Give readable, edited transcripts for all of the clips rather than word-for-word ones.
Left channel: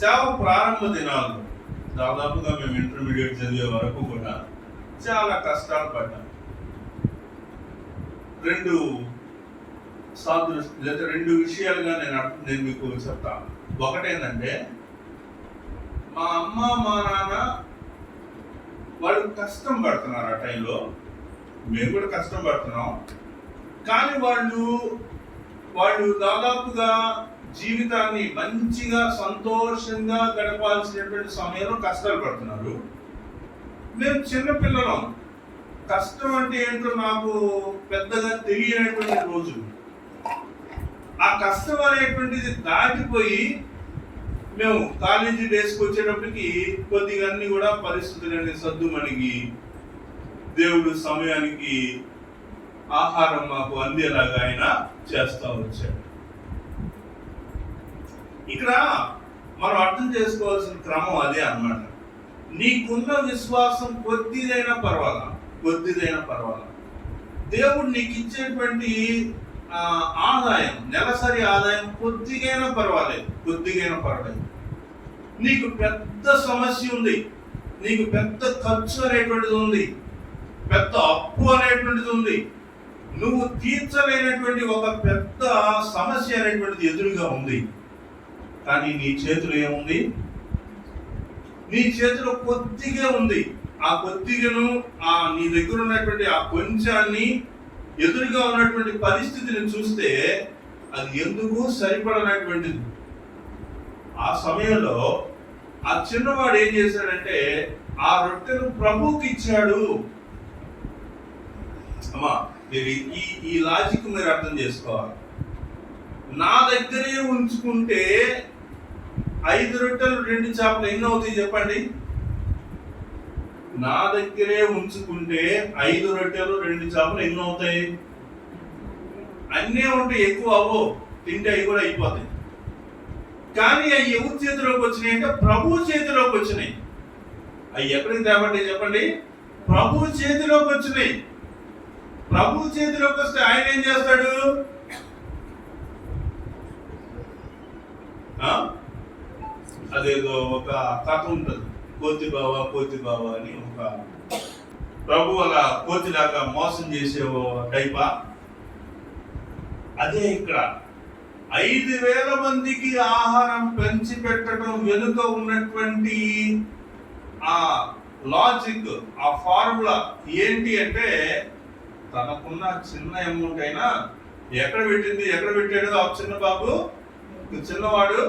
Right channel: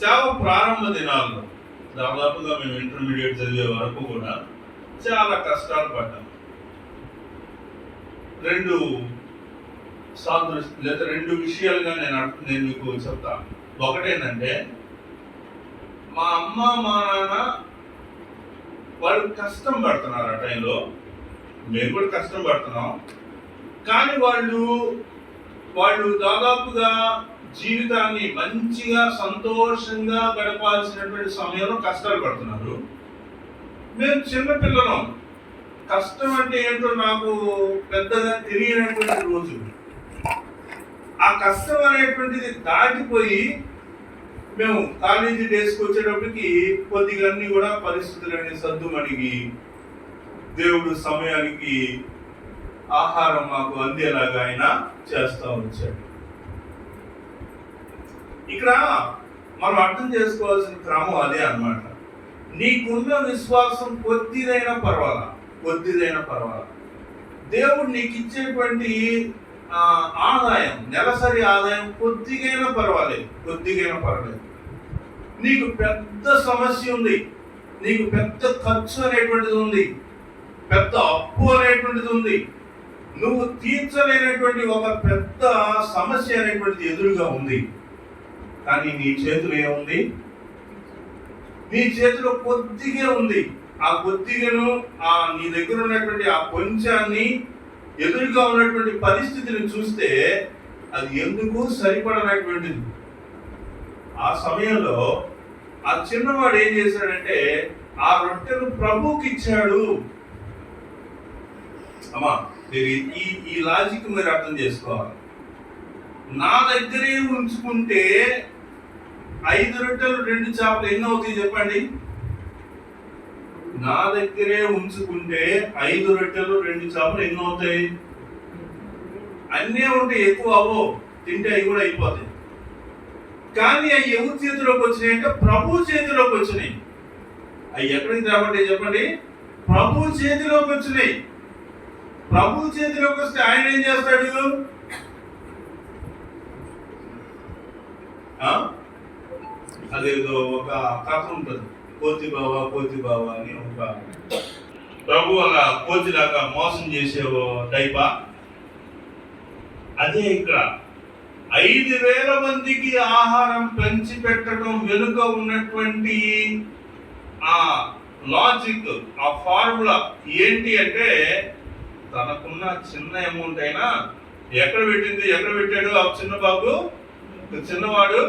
సేవ ప్రారంభ దినాల్లో దాదాపుగా మేము ఇంటర్మీడియట్ చదివే వరకు కూడా చాలా కష్టాలు పడ్డాం. రెండు లేదా రెండు విషయాలుగా నేను మీకు చెప్తాను. ఒకటేంటంటే, మా అమ్మ మా నాన్న వాళ్ళు కష్టం పడుతున్నారు. ఆ టైంలో మేము కూడా కష్టం పడుతున్నాం. కానీ వాళ్ళు దాదాపుగా జీవితాన్ని మంచిగా సంతోషంగా గడపాల్సినటువంటి సమయంలో కష్టాలు పడుతున్నారు. మేము చిన్నపిల్లలం. కష్టం అంటే ఏంటో నాకు పెద్దగా తెలియనటువంటి రోజు. ఆ కష్టం అనేటువంటిది దాటిపోయి మేము కాలేజీ డేస్కి వచ్చేటప్పటికి కొద్దిగా అన్ని కూడా పరిస్థితులన్నీ సర్దుమణిగి దేవుడు సమయానికి ఆహారం మాకు అందేలాగా ఆయన చేస్తూ వచ్చాడు. ఇక్కడ మనం అర్థం చేసుకోవాల్సిన క్రమం అదే అన్నమాట. నీకున్న విశ్వాసం కొద్దిదైనా పర్వాలా, దేవుడు నీకు ఇచ్చేటువంటి ఆదాయం, నెలసరి ఆదాయం కొద్దిగైనా పర్వాలేదు. నీకు పెద్ద సమస్య ఉంది, నీకు పెద్ద ఖర్చు అనేటువంటిది ఉంది, పెద్ద అప్పు అనేటువంటిది ఉంది, నువ్వు తీర్చలేనటువంటి ఒక పెద్ద సమస్య అనేటువంటిది ఎదురుగా ఉంది. కానీ నీ చేతిలో ఏముంది? నీ చేతిలో కొద్దిగా ఉంది. ఆ కొద్దిగను నీ దగ్గర ఉన్నటువంటి ఆ కొంచాన్ని ఎదురుగా ఉన్నటువంటి పరిస్థితిని చూస్తే అది ఎందుకు సరిపడనటువంటిది. ఆ సమయంలో ఆ చిన్నవాడు ఏం చేశాడంటే ఆ రొట్టెను ప్రభువుకి ఇచ్చాడు. అమ్మా, మీరు ఈ లాజిక్ మీరు అర్థం చేసుకోవాలి. నా దగ్గరే ఉంచుకుంటే 5 రొట్టెలు 2 చేపలు ఎన్ని అవుతాయి చెప్పండి? నా దగ్గరే ఉంచుకుంటే 5 రొట్టెలు 2 చేపలు ఎన్ని అవుతాయి? అన్నీ ఉంటాయి, ఎక్కువ అవ్వవు, తింటే అవి కూడా అయిపోతాయి. కానీ అవి ఎవరి చేతిలోకి వచ్చినాయి అంటే ప్రభు చేతిలోకి వచ్చినాయి. అవి ఎక్కడికి తేబడ్డాయి చెప్పండి? ప్రభు చేతిలోకి వచ్చినాయి. ప్రభు చేతిలోకి వస్తే ఆయన ఏం చేస్తాడు? అదేదో ఒక కథ ఉంటుంది, కోతి బావ అని. ఒక ప్రభు అలా కోతిలాగా మోసం చేసేవో టైపా. అదే ఇక్కడ 5,000 మందికి ఆహారం పంచి పెట్టడం వెనుక ఉన్నటువంటి ఆ లాజిక్, ఆ ఫార్ములా ఏంటి అంటే, తనకున్న చిన్న అమౌంట్ అయినా ఎక్కడ పెట్టాడు ఆ చిన్న బాబు, చిన్నవాడు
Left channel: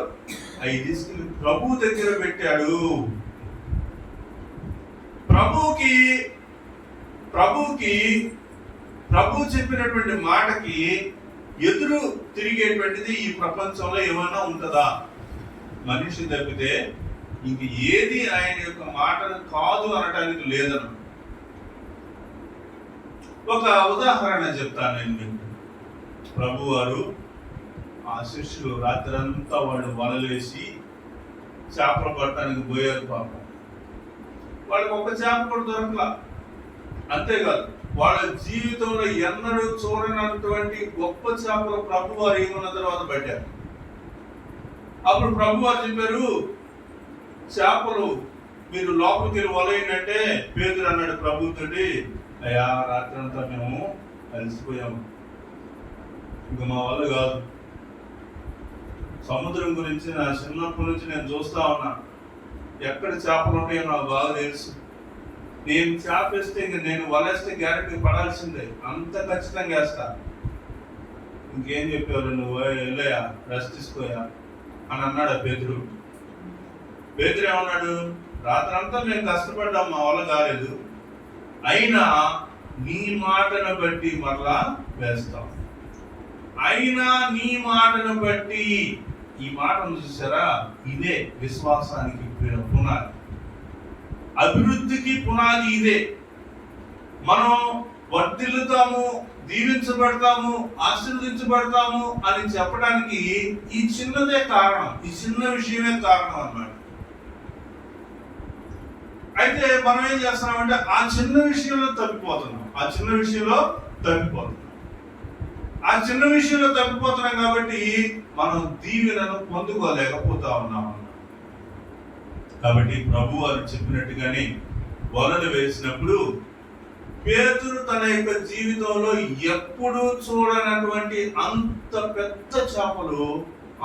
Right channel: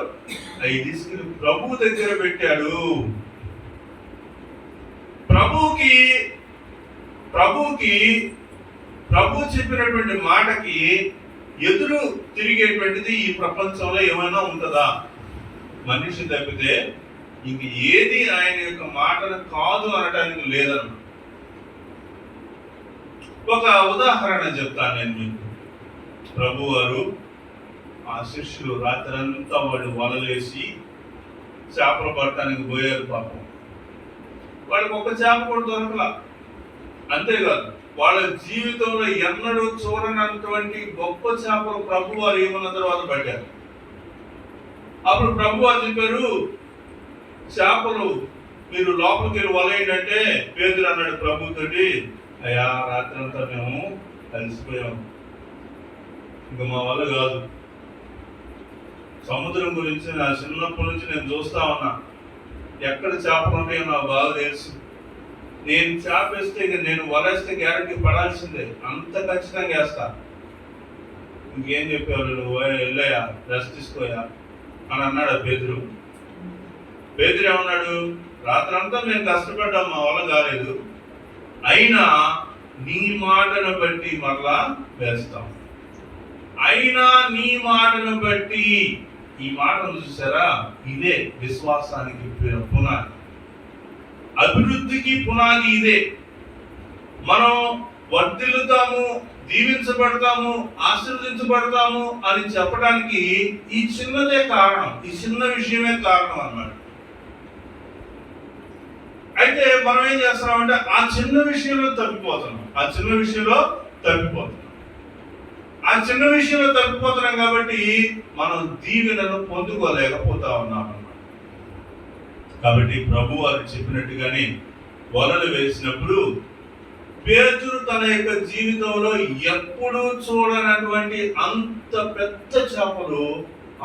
అవి తీసుకుని ప్రభు దగ్గర పెట్టాడు. ప్రభు చెప్పినటువంటి మాటకి ఎదురు తిరిగేటువంటిది ఈ ప్రపంచంలో ఏమైనా ఉంటుందా? మనిషి తప్పితే ఇంక ఏది ఆయన యొక్క మాటను కాదు అనటానికి లేదన్న. ఒక ఉదాహరణ చెప్తాను నేను మీకు. ప్రభు వారు ఆ శిష్యులు రాత్రంతా వాళ్ళు వలలేసి చేపలు పట్టడానికి పోయారు. పాపం వాళ్ళకి ఒక చేప కూడా దొరకలా. అంతేకాదు, వాళ్ళ జీవితంలో ఎన్నడూ చూడనటువంటి గొప్ప చేపలు ప్రభు వారు ఏమన్న తర్వాత పట్టారు. అప్పుడు ప్రభు వారు చెప్పారు, చేపలు మీరు లోపలికి వెళ్ళి వలయండి అంటే పేతురు అన్నాడు ప్రభుతోటి, అయ్యా రాత్రంతా మేము అలసిపోయాము, ఇంకా మా వల్ల కాదు. సముద్రం గురించి నా చిన్నప్పటి నుంచి నేను చూస్తా ఉన్నా, ఎక్కడ చేపలు ఉంటాయో నాకు బాగా తెలుసు. నేను చేపేస్తే ఇక నేను వలేస్తే గ్యారెంటీ పడాల్సిందే, అంత ఖచ్చితంగా వేస్తా. ఇంకేం చెప్పేవాళ్ళు, నువ్వు వెళ్ళయా, రెస్ట్ తీసుకోయా అని అన్నాడు పేతురు. పేతురు ఏమన్నాడు, రాత్రంతా మేము కష్టపడ్డాం, మా వల్ల కాలేదు, అయినా నీ మాటను బట్టి మరలా వేస్తాం. అయినా నీ మాటను బట్టి. ఈ మాటను చూసారా? ఇదే విశ్వాసానికి పునాది, అభివృద్ధికి పునాది ఇదే. మనం వర్ధిల్లుతాము, దీవించబడతాము, ఆశీర్వదించబడతాము అని చెప్పడానికి ఈ చిన్నదే కారణం, ఈ చిన్న విషయమే కారణం అన్నమాట. అయితే మనం ఏం చేస్తున్నామంటే ఆ చిన్న విషయంలో తప్పిపోతున్నాం. కాబట్టి మనం దీవెనను పొందుకోలేకపోతా ఉన్నాం అన్నమాట. కాబట్టి ప్రభు వారు చెప్పినట్టుగానే వలలు వేసినప్పుడు పేతురు తన యొక్క జీవితంలో ఎప్పుడూ చూడనటువంటి అంత పెద్ద చేపలు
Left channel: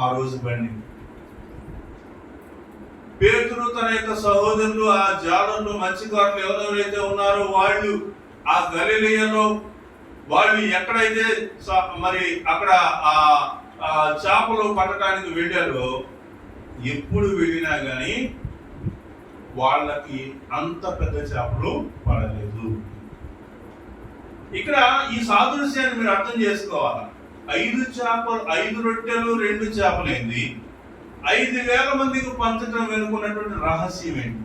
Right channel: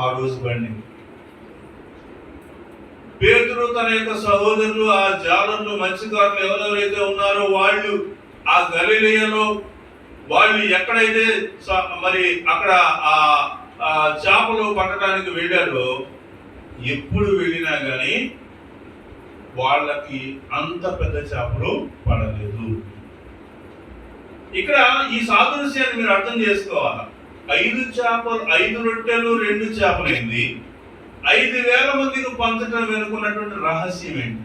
ఆ రోజు పడింది. పేతురు తన యొక్క సహోదరులు, ఆ జాలర్లు, మత్స్యకారులు ఎవరెవరైతే ఉన్నారో వాళ్ళు ఆ గలిలయలో వాళ్ళు ఎక్కడైతే మరి అక్కడ ఆ చేపలు పట్టడానికి వెళ్ళారో ఎప్పుడు వెళ్ళినా కానీ వాళ్ళకి అంత పెద్ద చేపలు పడలేదు. ఇక్కడ ఈ సాదృశ్యాన్ని మీరు అర్థం చేసుకోవాలి. 5 రొట్టెలు 2 చేపలైంది. 5,000 మందికి పంచడం వెనుకున్నటువంటి రహస్యం ఏంటి?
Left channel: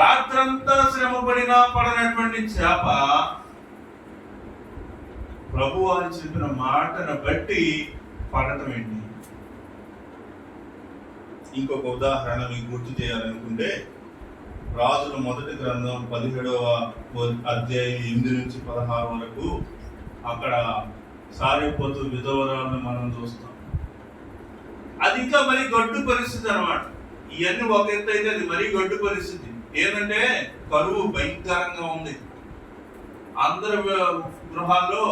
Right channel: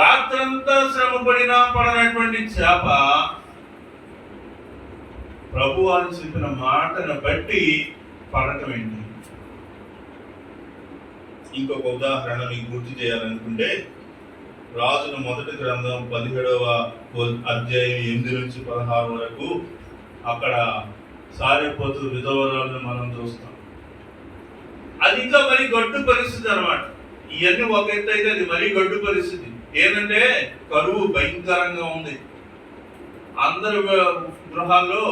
రాత్రంతా శ్రమ పడినా పడనటువంటి చేప ప్రభు అని చెప్పిన మాటను బట్టి పడటం ఏంటి? ఇంకొక ఉదాహరణ మీకు గుర్తు చేయాలనుకుంటే, రాజుల మొదటి గ్రంథం 17వ అధ్యాయం 8 నుంచి 16 వరకు అక్కడ సారిపోతు విధవరాలను మనం చూస్తాం. అది ఇంకా మరి గడ్డు పరిస్థితి అన్నమాట. ఇవన్నీ ఒక ఎత్తు అయితే అది మరీ గడ్డు పరిస్థితి. ఏంటంటే కరువు భయంకరంగా ఉంది. అందరి గృహాల్లో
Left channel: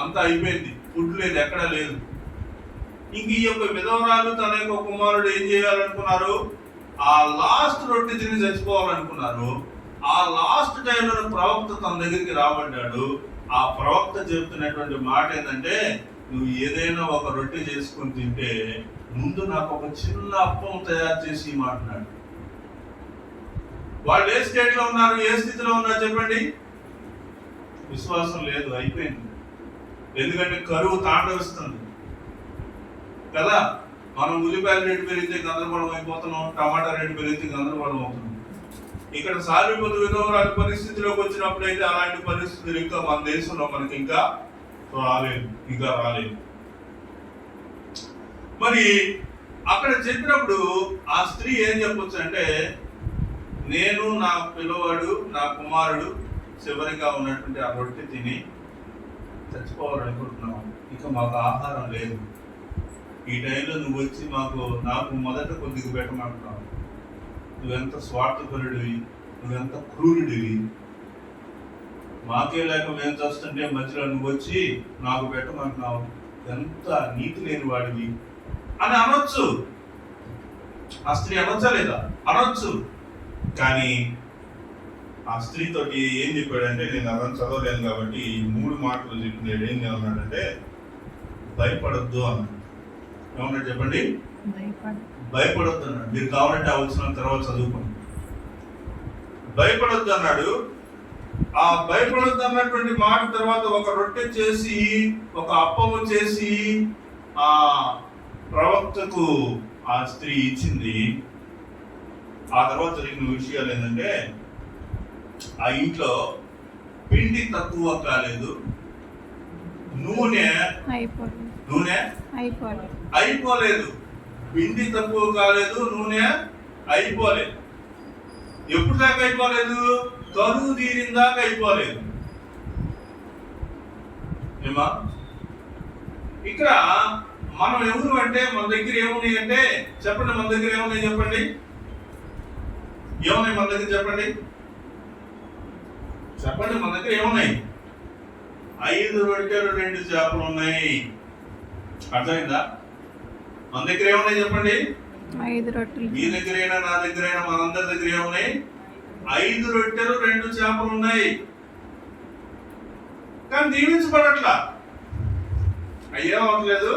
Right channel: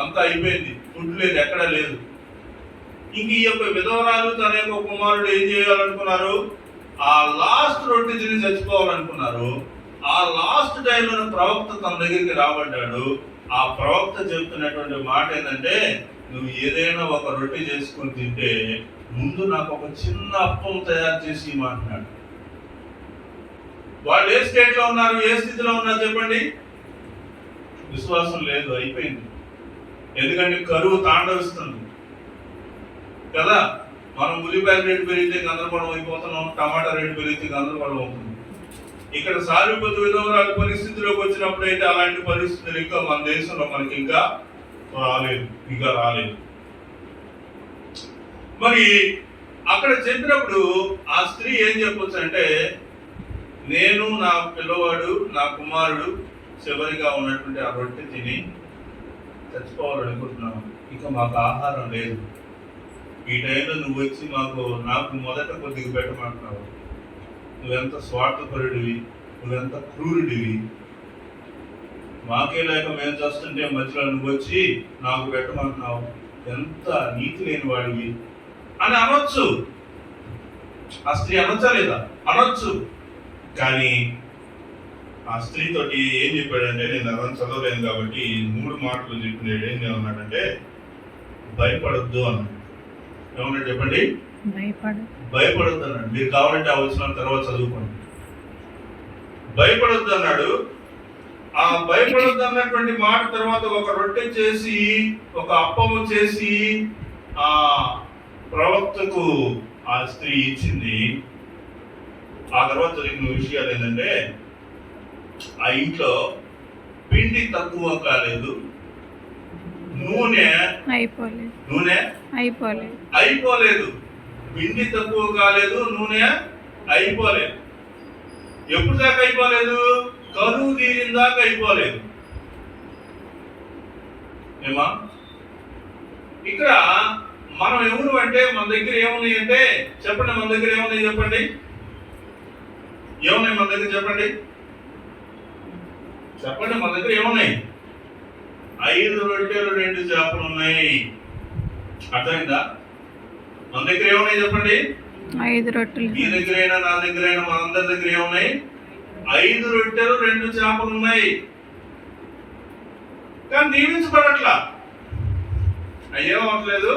అంతా అయిపోయింది, ఫుడ్ లేదు, ఎక్కడ లేదు. ఇంక ఈ యొక్క విధవరాలు తన యొక్క కుమారుడు ఏం చేయాలనుకున్నారు? ఆ లాస్ట్ రొట్టె తిని చచ్చిపోవాలనుకున్నారు. ఆ లాస్ట్ టైంలో ప్రవక్త తన దగ్గరికి రాబడ్డాడు. ఆ ప్రవక్త చెప్తున్నటువంటి మాట ఏంటంటే, నువ్వు ఏదైనా ఒక రొట్టె చేసుకొని తింటే ముందు నాకు ఒక చిన్న అప్పం తయారు చేసి ఇవ్వమంటున్నాడు. వాళ్ళు ఏ స్టేట్లో ఉన్నారు, ఏ స్థితిలో ఉన్నారు చెప్పండి? విశ్వాసం లేదు, అయిపోయింది. ఎందుకంటే కరువు తాండవిస్తుంది కదా. మనం ఉల్లిపాయల రేటు పెరిగితే గందరగోళం అయిపోతున్నాం, టమాటా రేటు పెరిగితే గందరగోళం అవుతుంది. ఇక్కడ సారిపోతు విధవరాలు పరిస్థితిలోకి వచ్చినప్పుడు అయితే అలాంటి పరిస్థితులు ఇంకా మన దేశంలో మనకి ఇంకా రాలేదు. మరి అక్కడ చెప్పినప్పుడు ఆ స్త్రీ ఏం చెప్పొచ్చు అంటే, నేను, నా పిల్లవాడు, నా కుమారుడు చివరిగా ఉన్నటువంటి ఆ రొట్టె తిని చచ్చిపోవాలనుకుంటున్నాం, ఇక మాకు ఆహారం లేదు. ఈ టైంలో నువ్వు వచ్చి నాకు మొదట కొద్దిగా పెట్టమంటున్నావు. నువ్వెంత స్వార్థపరుడివి, నువ్వెంత క్రూరుడివి. మాకే లేక మేము చూస్తుంటే మధ్యలో నువ్వు వచ్చి నాకు పెట్టమంటున్నావు, ఎంత నీతి లేని వాడివి అని అనొచ్చు. ఆ స్త్రీ అనొచ్చా లేదా? అనొచ్చు. కానీ ఆ స్త్రీతోటి ఏం చెప్పాడంటే, నేను అదంతా చదవలేను కాబట్టి 3 మాటలు చెప్పినాడు. ఏమన్నాడంటే, భయపడొద్దు అన్నాడు. ఏమన్నాడు చెప్పండి? భయపడొద్దు అన్నాడు. మీరు కావాలంటే ఆ వచ్చిన తర్వాత చదువుకోండి. భయపడొద్దు అన్నాడు. ఆ భయపడొద్దు అన్నటువంటి మాట తర్వాత ఒక రొట్టె చేసి, ఒక అప్పము చేసి ఆ ప్రవక్తకు ఆ స్త్రీ ఇచ్చింది. ఆ తర్వాత జరిగిన విషయాలు ఏంటంటే, ఆ ఇంట్లో పిండి తక్కువ కాలేదు, నూనె అయిపోలేదు. పిండి తక్కువ కాలేదు, నూనె అయిపోలేదు. ఎప్పుడు దాకా అయిపోలేదు? కరువు తీరిన దాకా అయిపోలేదు. ఏమా ఇక్కడ మనం ఎవరు అంటే, మన దగ్గర ఏమున్నాయి అంటే చెప్పండి, మన దగ్గర ఏమున్నాయి చెప్పండి? ఏమున్నాయి మన దగ్గర చెప్పండి? మన దగ్గర ఏమున్నాయి? 5 రొట్టెలు 2 చేపలు ఉన్నాయి. అర్థమైందా? మన దగ్గర ఏమున్నాయి చెప్పండి? 5 రొట్టెలు. మీ దగ్గరైనా నా దగ్గరైనా మనందరి దగ్గర ఏమున్నాయి? 5 రొట్టెలు 2 చేపలు ఉన్నాయి. కానీ దీవించబడట్లా. అయ్యేమవట్లేదు.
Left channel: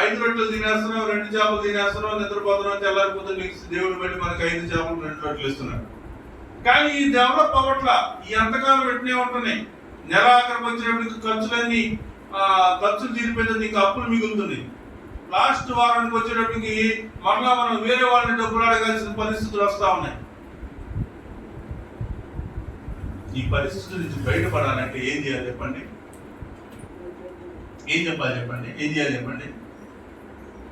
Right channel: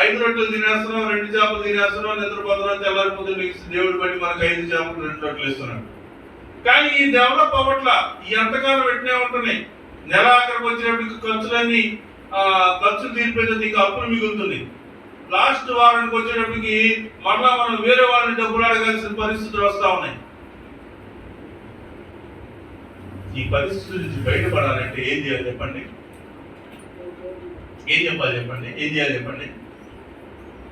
5 రొట్టెలు తినేస్తున్నాం, 2 చేపలు తినేస్తున్నాం, నిద్రపోతున్నాం, తెల్లారిపోతే నీకు దేవుడి బట్టి మనకు 5 చేపలు 2 రొట్టెలు ఇస్తున్నాడు. కానీ ఈ డెవలప్ అవ్వట్లా. ఈ అంతకాలం పెట్టినే ఉంటున్నాయి. నెల ఆఖరికి వచ్చినప్పటికి ఖర్చులు తీరిపోయితే ఇంకా అప్పులు మిగులుతుంది. లాస్ట్ వారానికి వచ్చేటప్పటికి మరలా మనం వేరే వాళ్ళని డబ్బులు అడగాల్సిన పరిస్థితులు వస్తూ ఉన్నాయి. ఈ పరిస్థితుల నుంచి బయటపడాలంటే ఏం చేయాలి చెప్పండి? ఏం చేయాలి చెప్పండి?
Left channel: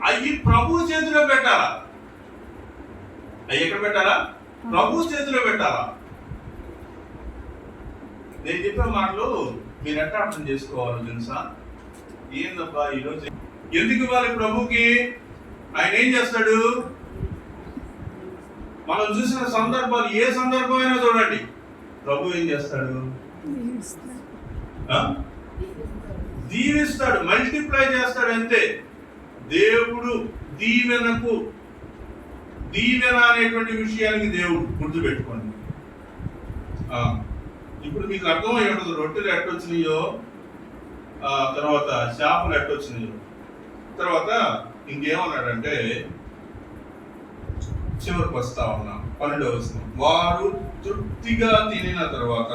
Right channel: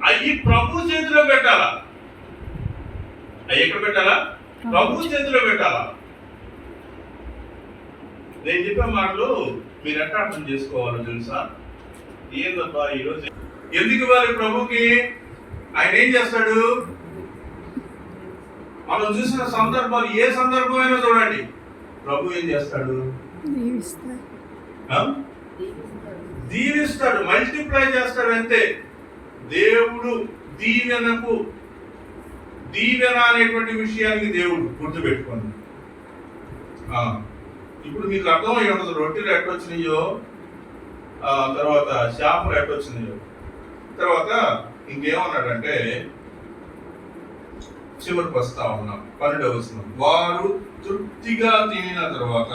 అవి ప్రభు చేతిలో పెట్టాలా? అవి ఎక్కడ పెట్టాలా? ప్రభు చేతిలో పెట్టాలా? నేను చెప్పే మాటలు మీరు ఎట్లా అర్థం చేసుకోవాలో తెలుసా? ఏందబ్బా ఈరోజు ఎందుకు ఇవ్వాలి ప్రభుకి? ఆయన ఏం చేస్తాడు? మనం చూసిన సందర్భాలు ఏ సందర్భమైనా చూడండి, ప్రభు ఏం చేస్తాడు? దీవిస్తాడు, మల్టిప్లై చేస్తాడు. అంతే. దేవుడు దీవెన అనేటువంటి విషయానికి దేవుడు గుర్తుపెట్టుకోండి. ఇప్పుడు మీకు అర్థమై ఉండదు రొట్టెలు ఎట్టొచ్చినాయో, తర్వాత చేపలు ఎట్టొచ్చినాయో. తర్వాత ఇంకేమన్నాడంటే చివరికి వస్తా ఉన్నాం 12వ వచనం, వారు తృప్తిగా తినిన తర్వాత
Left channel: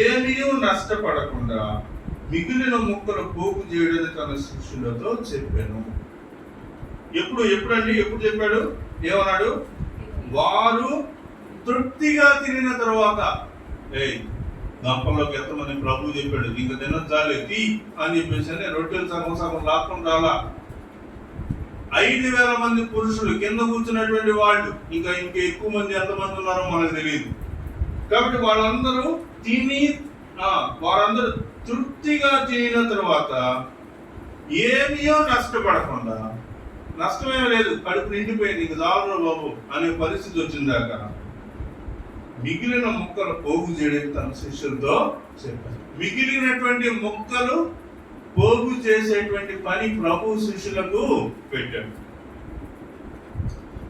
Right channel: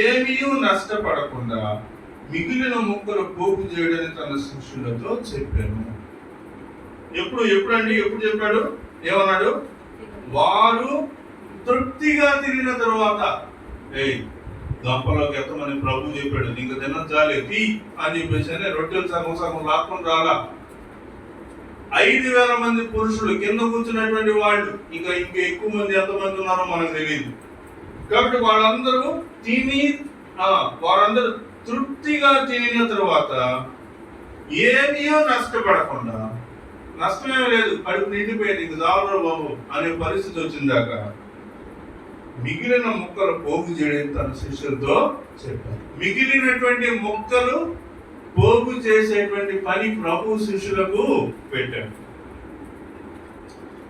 ఏమీ నష్టపడకుండా మిగిలిన ముక్కలు పోగు చేయడానికి తన శిష్యులతో చెప్పాను. ఎప్పుడండి చెప్పాడు? ఏమన్నాడు? వారు తృప్తిగా తినిన తర్వాత. గంపలోకి ఎంతమంది ప్రభు చెప్పాడు, ఇంక తినచ్చాలే తీ అని చెప్పేసి రొట్టెలు సగం లాక్కొని రాలా. 5,000 మంది పురుషులు కింద కూర్చున్నటువంటి వాళ్ళు, ఇంకా ఎక్కువ మంది ఎంతమంది ఉన్నారో మనకు తెలియదు. కాబట్టి వాళ్ళందరూ వారందరూ తృప్తిగా తినిన తర్వాత ఏమీ నష్టపడకుండా, నష్టమేమీ లేదు, కడుపు నిండిపోయింది, ఇంక చాలు బాబు అనే పరిస్థితి వచ్చిందాక మిగిలిన ముక్కలు పోగు చేయడం తన శిష్యులతో చెప్పారు. మిగిలినటువంటి ముక్కలు పోగు చేసేటువంటి పని ప్రభు శిష్యులకు పెట్టారు.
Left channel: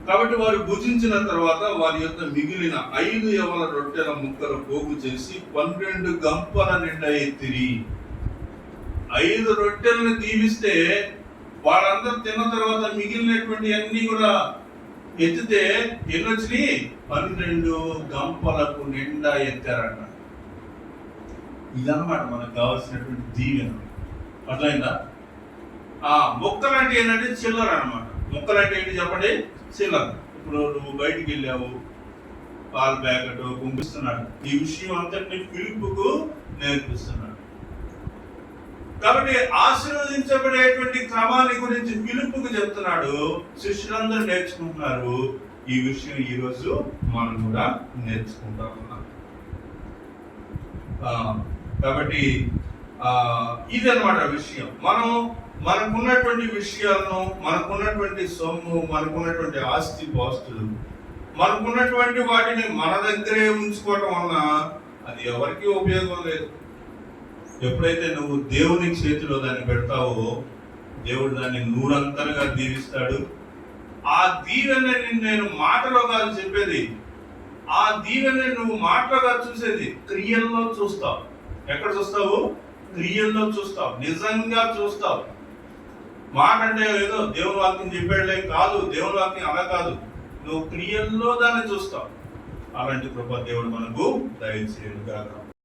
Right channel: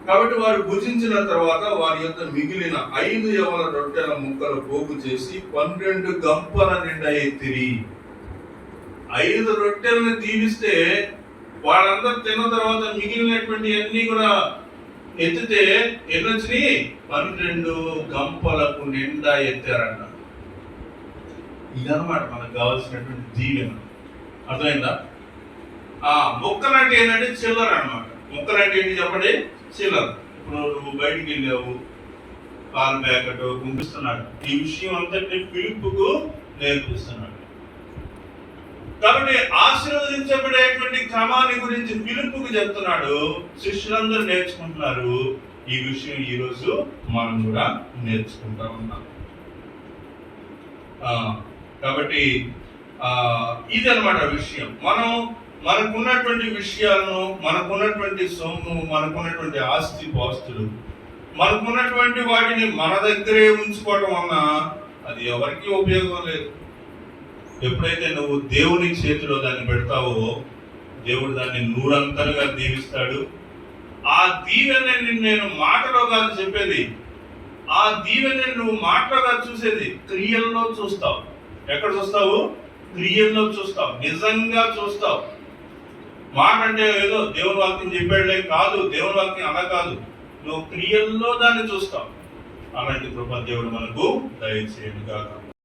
కాబట్టి వారు భుజించిన తర్వాత వారి యొక్క మిగిలిన 5 యవల రొట్టెల ముక్కలు పోగు చేసి 12 గంపల నిండా ఎత్తిరి. 5 రొట్టెలను దీవిస్తే వాళ్ళందరూ తిన్న తర్వాత మిగిలినటువంటి అన్ని కూడా ఎత్తితే ఎన్ని వచ్చినాయి? 12 గంపలకు నిండా ఎత్తారన్న. ఇదన్నమాట మనకు కావాల్సినటువంటి దీవెన. అర్థమైందా? మొక్కలు అంటే ఏంటంటే చిల్లర అనమాట. మొక్కలు అంటే ఏంటి చెప్పండి? చిల్లర. ఇప్పుడు నువ్వు బయటికి వెళ్ళావు, పాల ప్యాకెట్ పంపిస్తున్నాడు, ఈ విషయం అంతటిని ఫిలిప్పుకు నేర్పిస్తున్నాడు. కాబట్టి ఆశీర్వదించబడేటువంటి క్రమాన్ని గురించి ఫిలిప్పుకు చెప్తున్నాడు. శిష్యులందరూ నేర్చుకుంటున్నారు. ఈ విషయం ఈరోజు మనం కూడా నేర్చుకుంటా ఉన్నాం. కాబట్టి ఇదన్నమాట విషయం. మనకున్నటువంటి విషయాలను, మనకున్నటువంటి సొమ్ము, మనకున్నటువంటి ఆస్తి పాస్తులు, మనకున్నటువంటి వాటిని మన దగ్గరే ఉంచుకోవటం వలన అది ఎవరికి ఉపయోగం లేదు. ఎప్పుడైతే నువ్వు దేవుని చేతిలో దాన్ని పెడతావో దేవుడు దాన్ని 100 దీవిస్తాడు. ఆ దీవెనని నేను మాటలో కాదు చెప్పేది, ఆ దీవెనని నువ్వు మాటలో కాదు చూసేది, క్రియల్లో చూస్తావు. ఎక్కడ చూస్తావు? క్రియల్లో చూస్తావు, నిజంగా చూస్తావు. మాట అంటే ఏదో దేవుని వాక్యం చెప్పాడులే కాదు, దేవుని వాక్యం అలా కాదు, నువ్వు క్రియల్లో దాన్ని చూస్తావు. అలాంటి కృప దేవుడు మనకు దయచేయను గాక.